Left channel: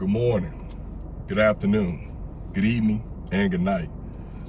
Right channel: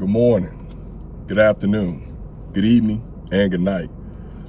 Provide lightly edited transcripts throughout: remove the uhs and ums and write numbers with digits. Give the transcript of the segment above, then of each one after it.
Good morning, good afternoon, good evening, and good night.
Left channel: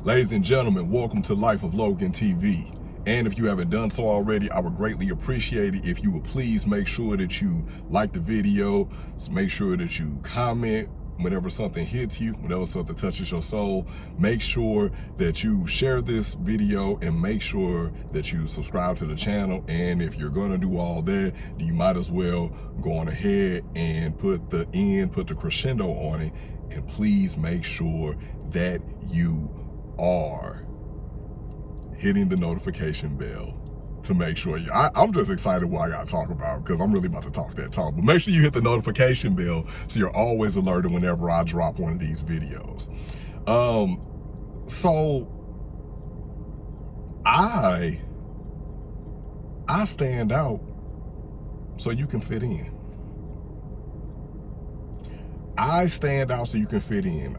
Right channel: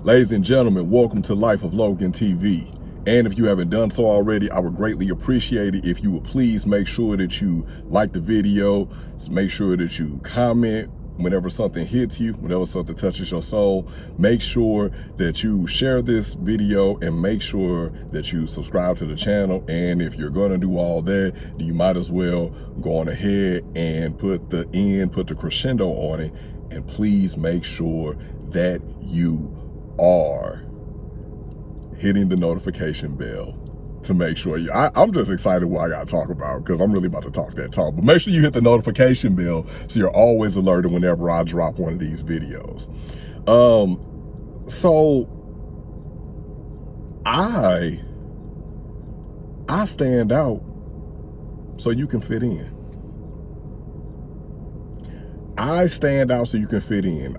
Ladies and gentlemen, welcome to Life of Logan TV. And if you haven't done so already, I would greatly appreciate it if you would please make sure that you like the video, make sure that you comment whenever something hits you, whenever something touches your soul. Make sure that you share this video and make sure that you subscribe to the channel. And if you're going to do all that, you might as well go on ahead and put the crescendo on it. And please make sure that you are hitting the notification bell to make sure I'm just excited what I got to talk about, because I'm really about to talk that talk. But make sure you hit the notification bell so you're always alerted whenever I drop one of these videos. So I stand out so you can fit in. I stand out so you can fit in.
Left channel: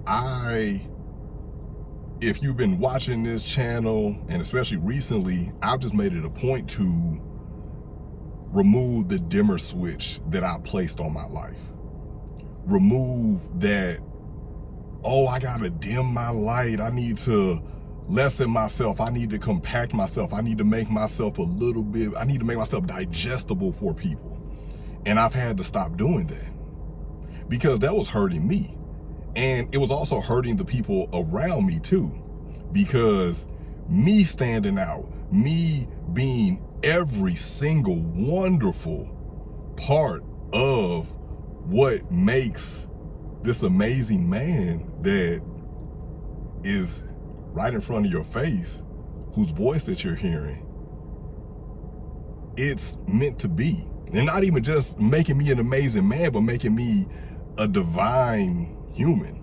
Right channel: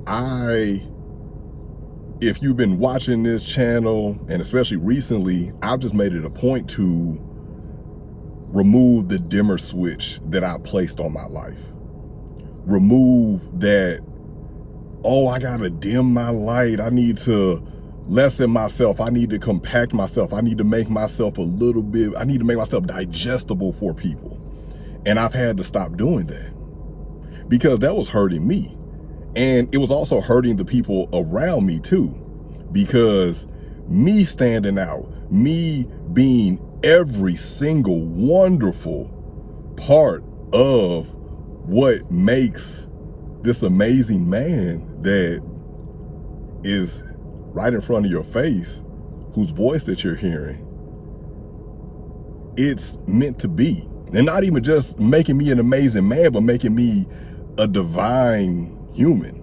If you've been watching this channel, and especially recently, I've just made it a point to remove the dimmer switch that I placed on my life. Remove that, oh, I gotta dim my light. I need to lessen myself. I need to compact myself. I need to make myself I need to make myself digestible for people. And I've had to stop doing that because that was hurting me. And it was also hurting the people around me too, because me standing out, me being every single wonderful part of what makes this amazing man that is right in front of your face, whose voice that you're hearing, it's meant to be. And not even just making me an amazing man, but making me a divine human,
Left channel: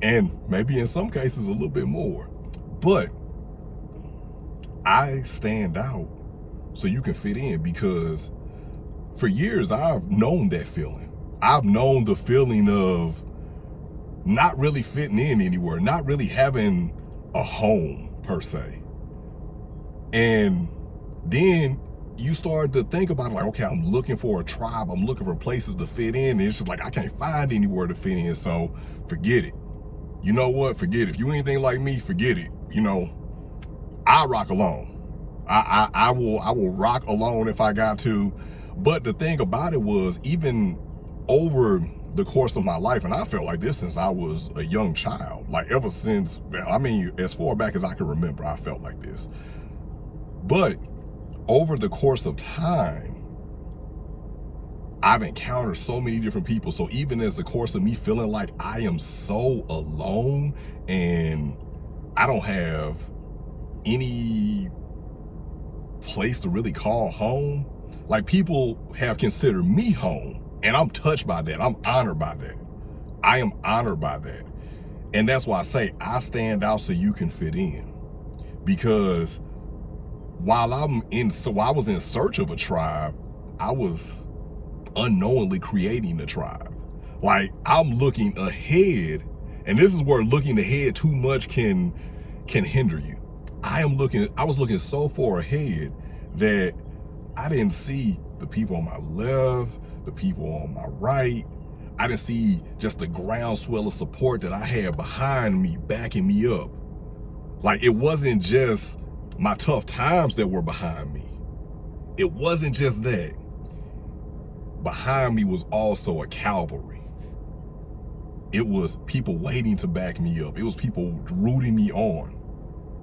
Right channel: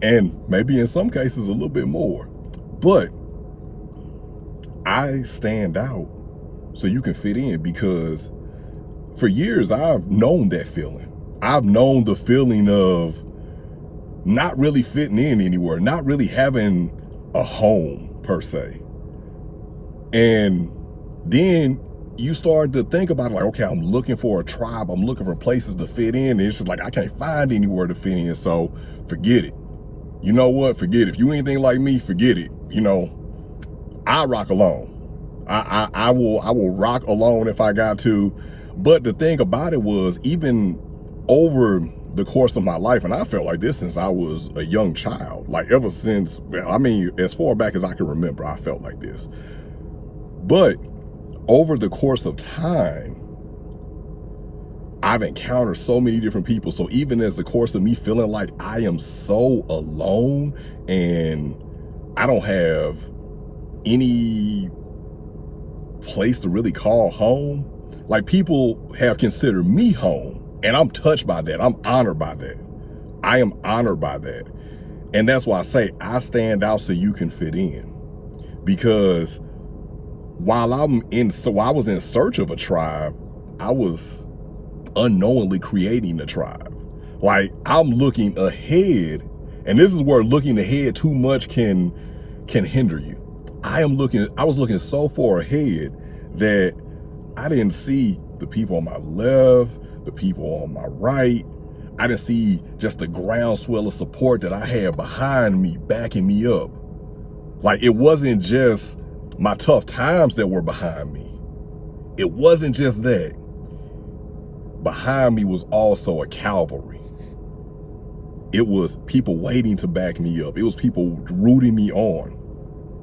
and maybe in some cases a little bit more. But I stand out so you can fit in, because for years I've known that feeling. I've known the feeling of not really fitting in anywhere, not really having a home per se. And then you start to think about it like, okay, I'm looking for a tribe. I'm looking for places to fit in. And it's just like, I can't find anywhere to fit in. So forget it. You know what? Forget it. If you anything like me, forget it. You know, I rock alone. I will rock alone if I got to. But the thing about it was, even over the course of my life, and I felt like this since I was a young child, like ever since, I mean, as far back as I can remember, I felt like this. But over the course of time, I've encountered so many different people. So even as the course of me feeling like I am so alone and I don't have any place to really call home, like people have considered me home, and I'm touched by that. I'm honored by that. I am honored by that. And that's why I say I stand out so you can fit in, because while I was in search of a tribe, I was unknowingly creating a tribe. Like, I'm looking ahead, and this is where looking ahead too much can hinder you. I was looking so far ahead that I didn't see the people on my left, the people on my right. I didn't see just the groundswell of support that I had behind me, backing me up. Like, it wasn't just my tough times that were behind me. It wasn't just that. Behind me was also a cavalry. It was people waiting to back me up. It was people rooting me on.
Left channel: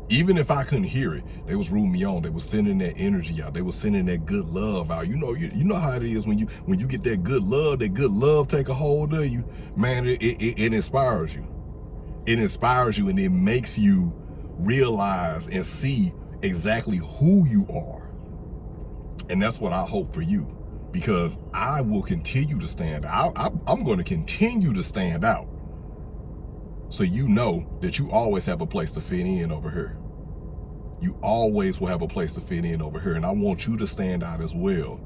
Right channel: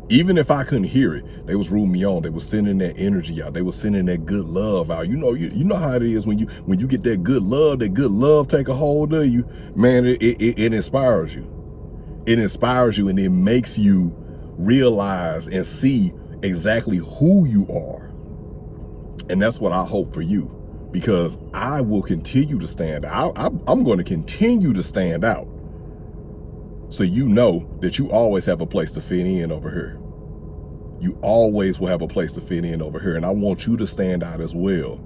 Even if I couldn't hear it, they was rooting me on. They was sending that energy out. They was sending that good love out. You know how it is when you get that good love take a hold of you, man, it inspires you. It inspires you, and it makes you realize and see exactly who you are. And that's what I hope for you, because I will continue to stand out. I'm going to continue to stand out, so you know that you always have a place to fit in over here. You always will have a place to fit in over here, and I want you to stand out as well.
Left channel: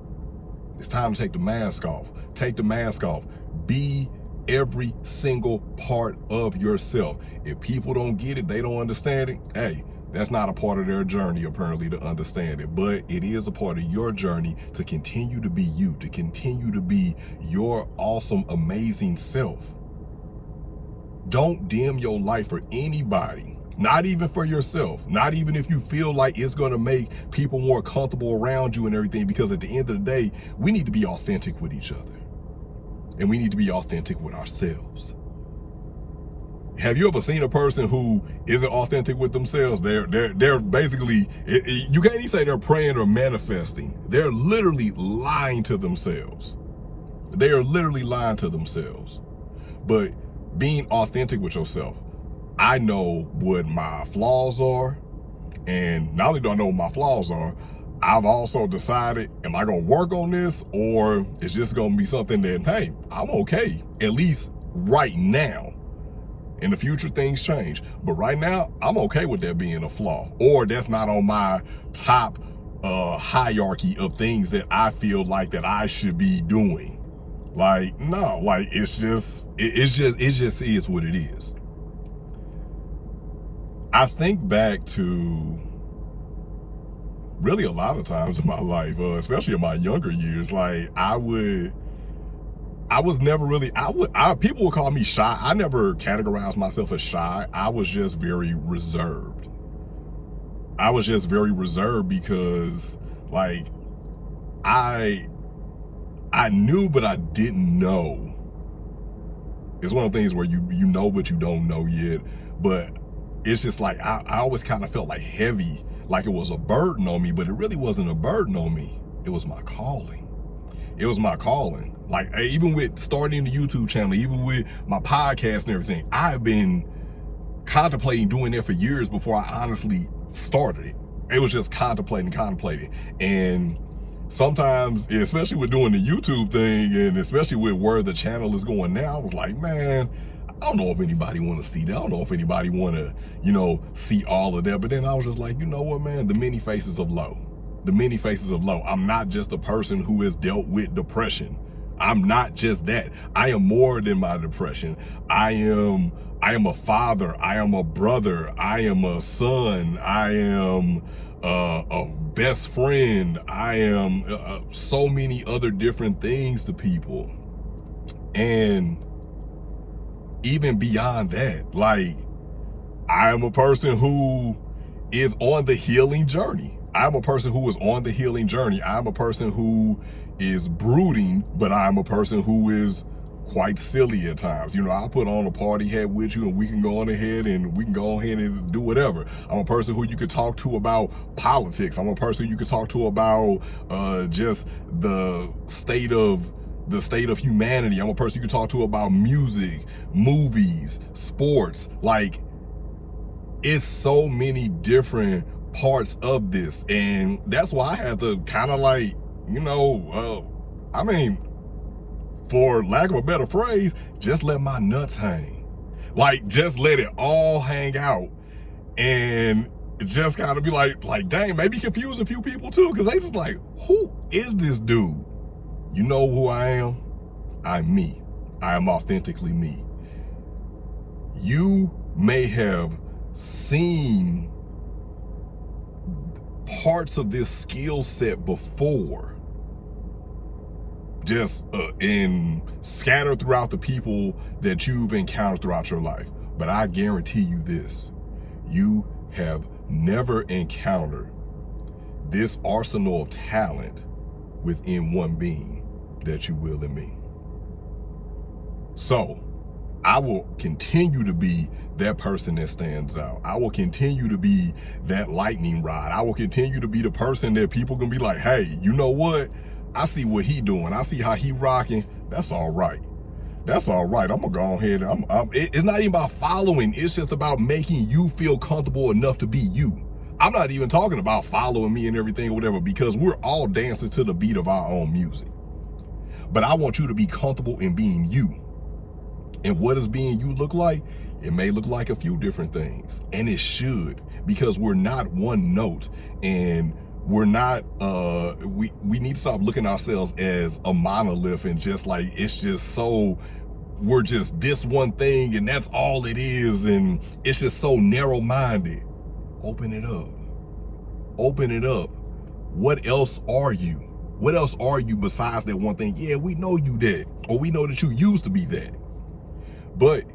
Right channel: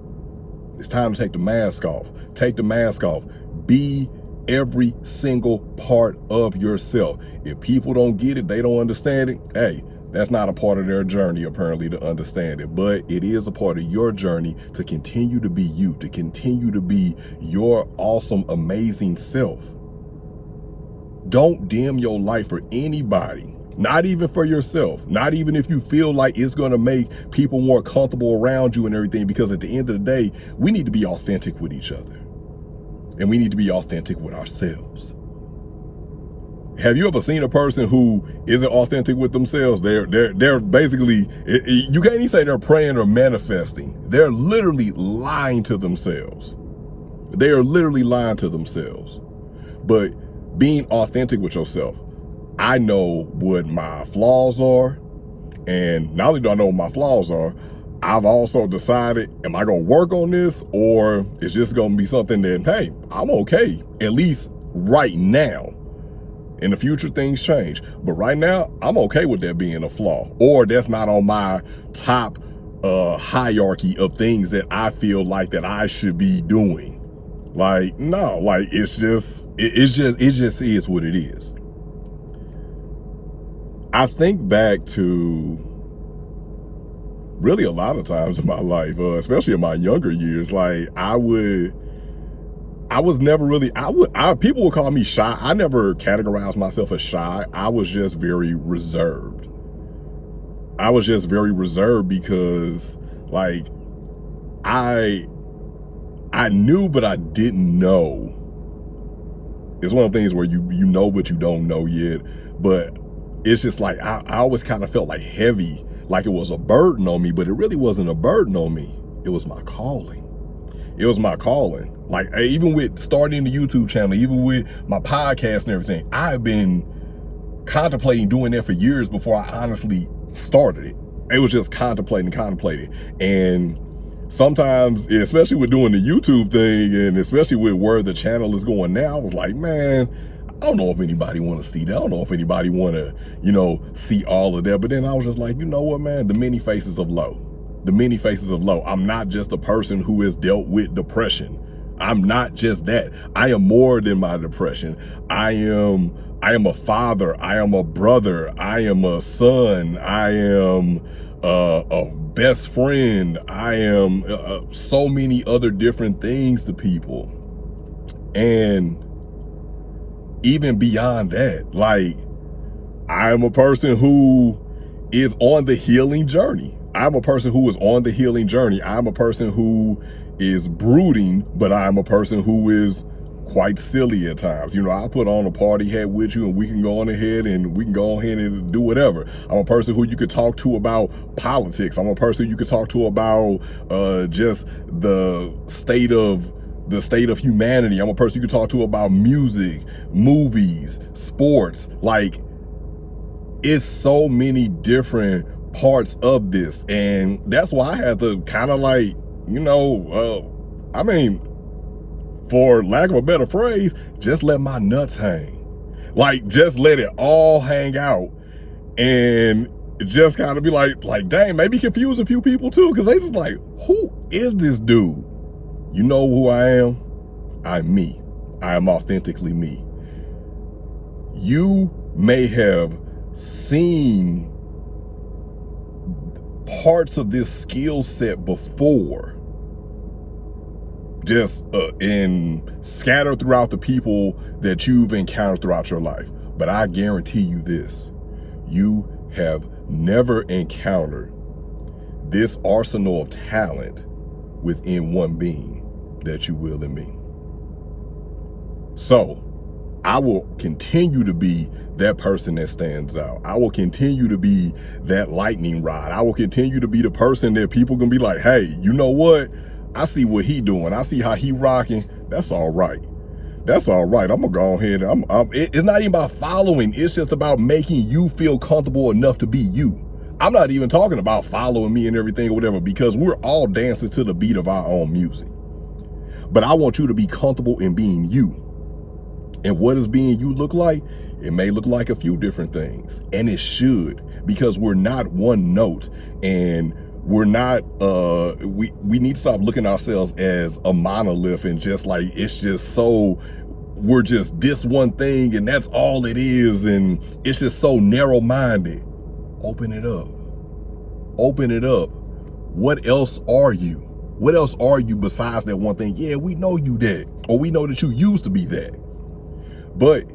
It's time to take the mask off. Take the mask off. Be every single part of yourself. If people don't get it, they don't understand it, hey, That's not a part of their journey, apparently, to understand it. But it is a part of your journey to continue to be you, to continue to be your awesome, amazing self. Don't dim your life for anybody. Not even for yourself. Not even if you feel like it's going to make people more comfortable around you and everything. Because at the end of the day, we need to be authentic with each other. And we need to be authentic with ourselves. Have you ever seen a person who isn't authentic with themselves? They're basically, you can't even say they're praying or manifesting. They're literally lying to themselves. They are literally lying to themselves. But being authentic with yourself, I know what my flaws are. And not only do I know what my flaws are, I've also decided, am I going to work on this, or it's just going to be something that, hey, I'm okay, at least right now. In the future, things change. But right now, I'm okay with that being a flaw. Or that's not on my top hierarchy of things that I feel like that I should be doing. Like, no, like it just is what it is. I think back to really a lot of times in my life, especially in my younger years, like I was never really, people would call me shy. I never categorized myself as shy. I was just very reserved. I was just very reserved because like, I knew, but I didn't know. It's one of the things where you know, but you don't know yet. But it's just like, I always kind of felt like heavy, like it was a burden on me, but it really wasn't a burden on me. It was my calling. It was my calling. Like, even with starting the YouTube channel, even with my podcast and everything, I've been contemplating doing that for years before I honestly started it. It was just contemplating. And sometimes, especially with doing the YouTube thing, and especially with where the channel is going now, I was like, man, I don't know if anybody want to see that. I don't know if anybody want to, see all of that. But then I was just like, you know what, man, the many faces of low. The many faces of low. I'm not just a person who has dealt with depression. I'm not just that. I am more than my depression. I am a father. I am a brother. I am a son. I am a best friend. I am so many other different things to people. And even beyond that, like, I am a person who is on the healing journey. I'm a person who is on the healing journey. I'm a person who is brooding, but I'm a person who is quite silly at times. I'll put on a party hat with you and we can go on ahead and do whatever. I'm a person who you could talk to about politics. I'm a person you could talk to about just the state of humanity. I'm a person you could talk to about music, movies, sports. Like, it's so many different parts of this. And that's why I had to kind of like, for lack of a better phrase, just let my nuts hang. Like, just let it all hang out. And just kind of be like, dang, maybe confuse a few people too. Because they just like, who is this dude? You know who I am? I'm me. I am authentically me. You may have seen parts of this skill set before, just scattered throughout the people that you've encountered throughout your life. But I guarantee you this, you have never encountered this arsenal of talent within one being that you will in me. So I will continue to be that person that stands out. I will continue to be that lightning rod. I will continue to be the person that people can be like, hey, you know what? I see what he doing. I see how he rocking. That's all right. That's all right. I'm gonna go ahead. It's not even about following. It's just about making you feel comfortable enough to be you. I'm not even talking about following me and everything or whatever, because we're all dancing to the beat of our own music. But I want you to be comfortable in being you. And what does being you look like? It may look like a few different things, and it should, because we're not one note, and we're not, we need to stop looking at ourselves as a monolith and just like, it's just so, we're just this one thing and that's all it is, and it's just so narrow-minded. Open it up. Open it up. What else are you? What else are you besides that one thing? Yeah, we know you that, or we know that you used to be that. But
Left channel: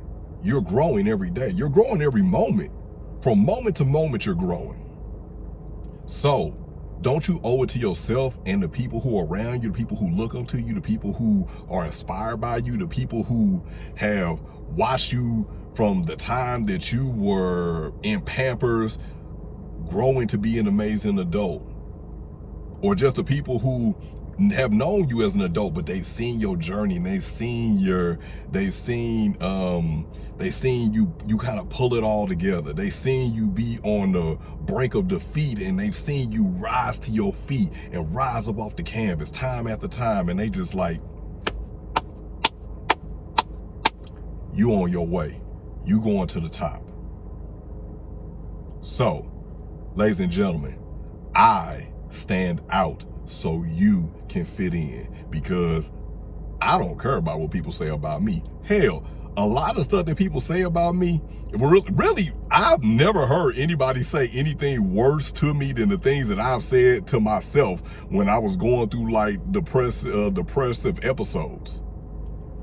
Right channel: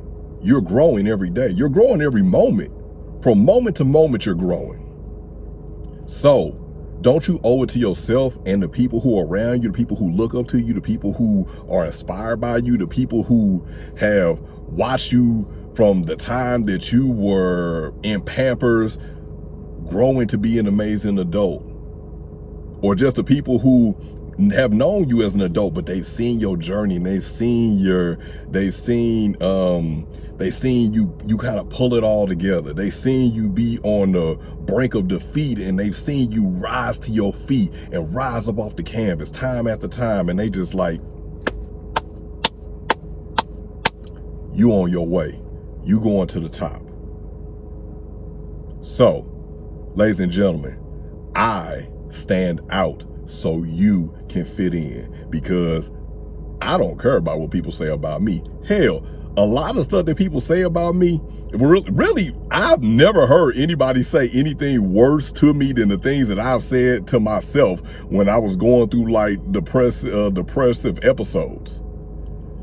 you're growing every day. You're growing every moment. From moment to moment, you're growing. So don't you owe it to yourself and the people who are around you, the people who look up to you, the people who are inspired by you, the people who have watched you from the time that you were in Pampers growing to be an amazing adult, or just the people who have known you as an adult, but they've seen your journey and they've seen you kind of pull it all together. They've seen you be on the brink of defeat, and they've seen you rise to your feet and rise up off the canvas time after time, and they just like, you on your way. You going to the top. So, ladies and gentlemen, I stand out so you can fit in, because I don't care about what people say about me. Hell, a lot of stuff that people say about me, really, I've never heard anybody say anything worse to me than the things that I've said to myself when I was going through like depressive episodes.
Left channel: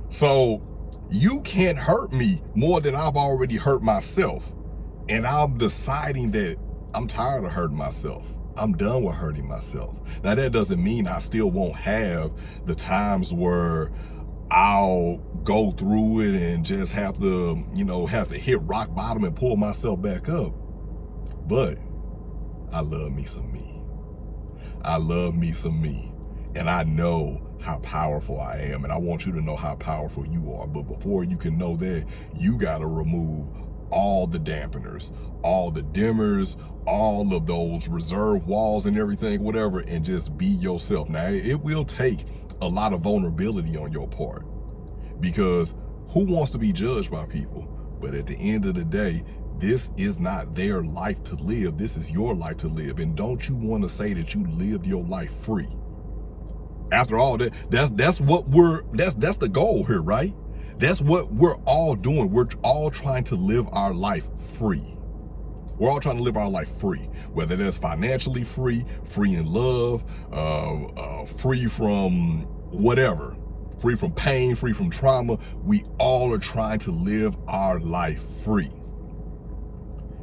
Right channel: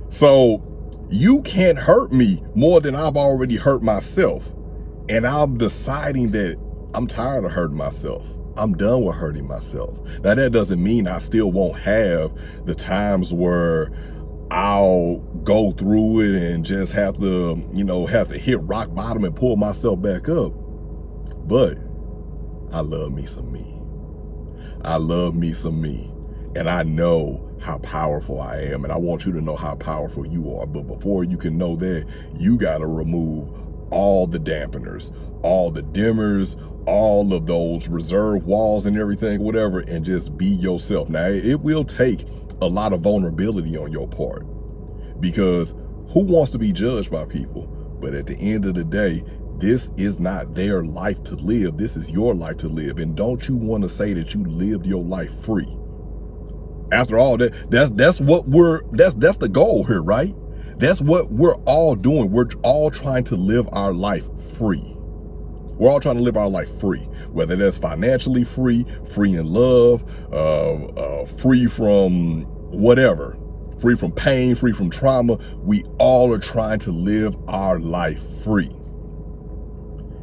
So you can't hurt me more than I've already hurt myself. And I'm deciding that I'm tired of hurting myself. I'm done with hurting myself. Now, that doesn't mean I still won't have the times where I'll go through it and just have to hit rock bottom and pull myself back up. But I love me some me. I love me some me. And I know how powerful I am. And I want you to know how powerful you are. But before you can know that, you got to remove all the dampeners, all the dimmers, all of those reserve walls and everything, whatever, and just be yourself. Now, it will take a lot of vulnerability on your part, because who wants to be judged by people? But at the end of the day, this is not their life to live. This is your life to live. And don't you want to say that you lived your life free? After all, that's the goal here, right? That's what we're all doing. We're all trying to live our life free. We're all trying to live our life free, whether that's financially free, free in love, free from whatever, free from pain, free from trauma. We all are trying to live our life free.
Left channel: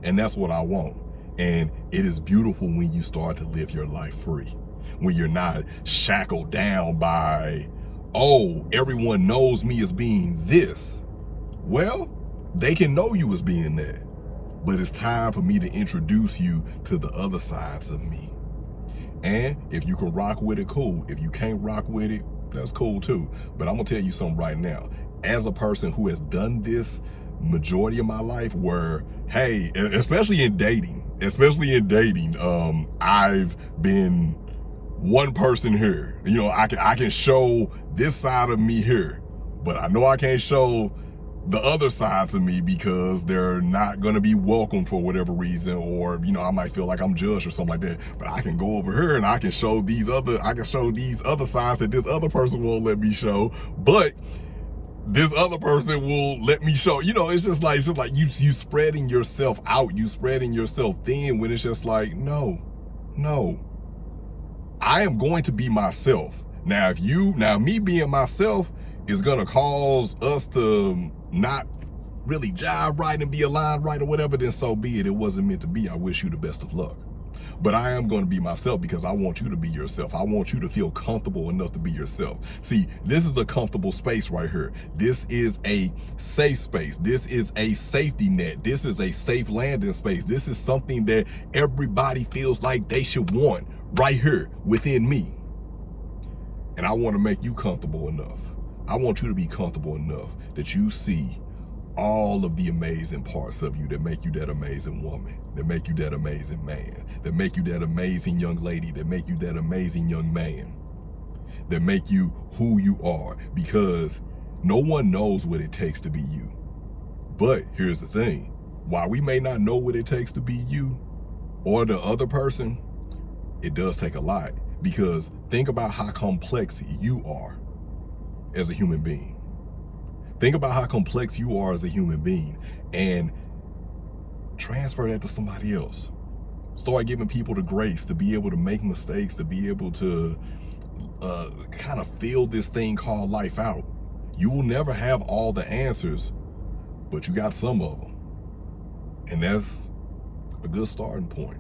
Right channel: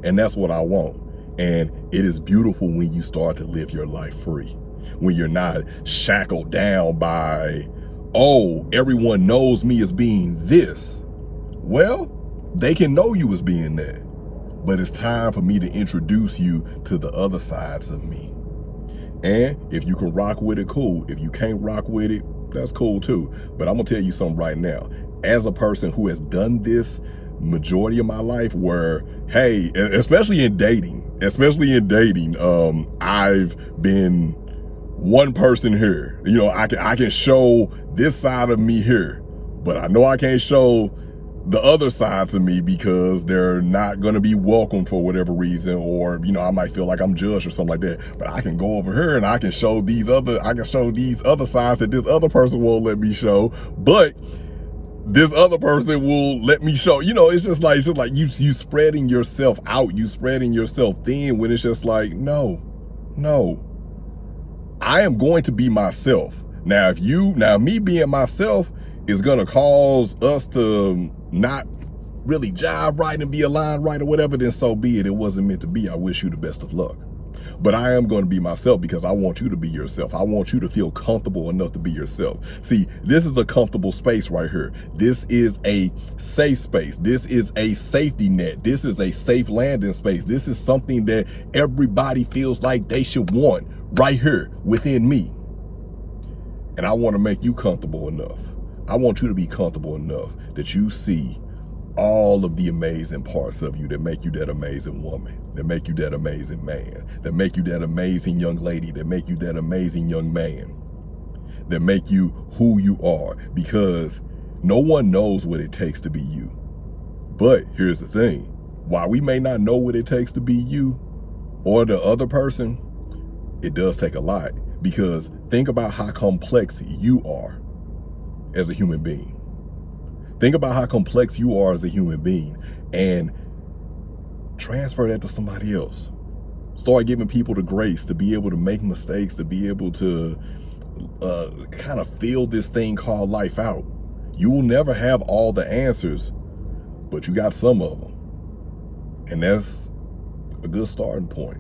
And that's what I want. And it is beautiful when you start to live your life free, when you're not shackled down by, oh, everyone knows me as being this. Well, they can know you as being that. But it's time for me to introduce you to the other sides of me. And if you can rock with it, cool. If you can't rock with it, that's cool too. But I'm gonna tell you something right now. As a person who has done this majority of my life, where, hey, especially in dating, I've been one person here. You know, I can show this side of me here, but I know I can't show the other side to me, because they're not going to be welcome for whatever reason, or, you know, I might feel like I'm judged or something like that. But I can go over here and I can show these other sides that this other person won't let me show, but this other person will let me show. You know, it's just like you spreading yourself out, you spreading yourself thin, when it's just like, no, I am going to be myself. Now, me being myself is going to cause us to not really jive right and be aligned right or whatever, then so be it. It wasn't meant to be. I wish you the best of luck. But I am going to be myself, because I want you to be yourself. I want you to feel comfortable enough to be yourself. See, this is a comfortable space right here. This is a safe space. This is a safety net. This is a safe landing space. This is something that everybody feels like they should want right here within me. And I want to make you comfortable enough. I want you to be comfortable enough that you see all of the amazing parts of you that make you that amazing woman, that make you that amazing man, that make you that amazing young lady, that make you that amazing young man, that make you who you are, because no one knows what it takes to be you. But here's the thing, while we may not know what it takes to be you or the other person, it does take a lot, because think about how complex you are as a human being. Think about how complex you are as a human being, and transfer that to somebody else. Start giving people the grace to be able to make mistakes, to be able to kind of feel this thing called life out. You will never have all the answers, but you got some of them. And that's a good starting point.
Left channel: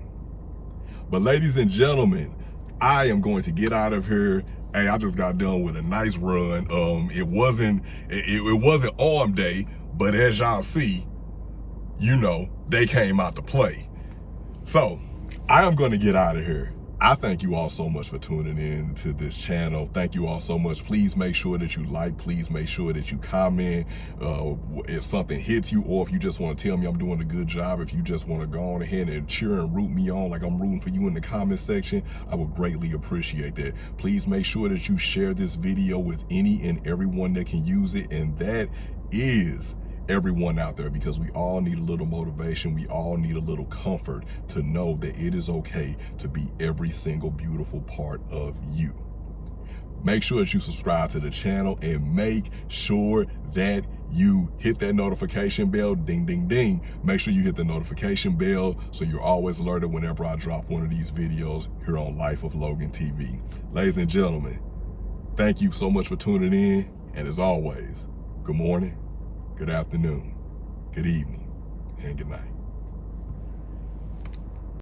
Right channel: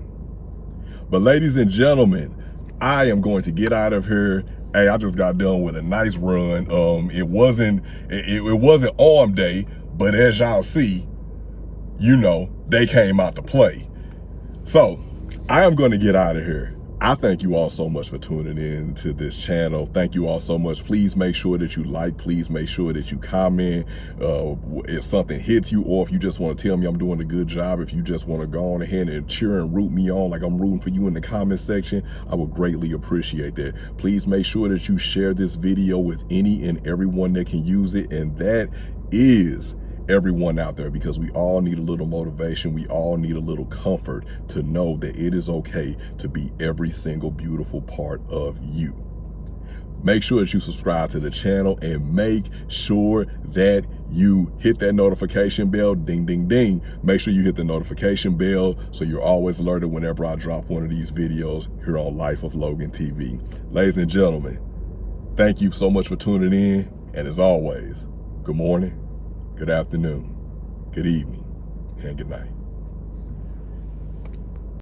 But ladies and gentlemen, I am going to get out of here. Hey, I just got done with a nice run. It wasn't arm day, but as y'all see, you know, they came out to play. So I am going to get out of here. I thank you all so much for tuning in to this channel. Thank you all so much. Please make sure that you like. Please make sure that you comment if something hits you, or if you just want to tell me I'm doing a good job. If you just want to go on ahead and cheer and root me on like I'm rooting for you in the comment section, I would greatly appreciate that. Please make sure that you share this video with any and everyone that can use it, and that is everyone out there, because we all need a little motivation. We all need a little comfort to know that it is okay to be every single beautiful part of you. Make sure that you subscribe to the channel, and make sure that you hit that notification bell. Ding, ding, ding. Make sure you hit the notification bell so you're always alerted whenever I drop one of these videos here on Life of Logan TV. Ladies and gentlemen, thank you so much for tuning in. And as always, good morning, good afternoon, good evening, and good night.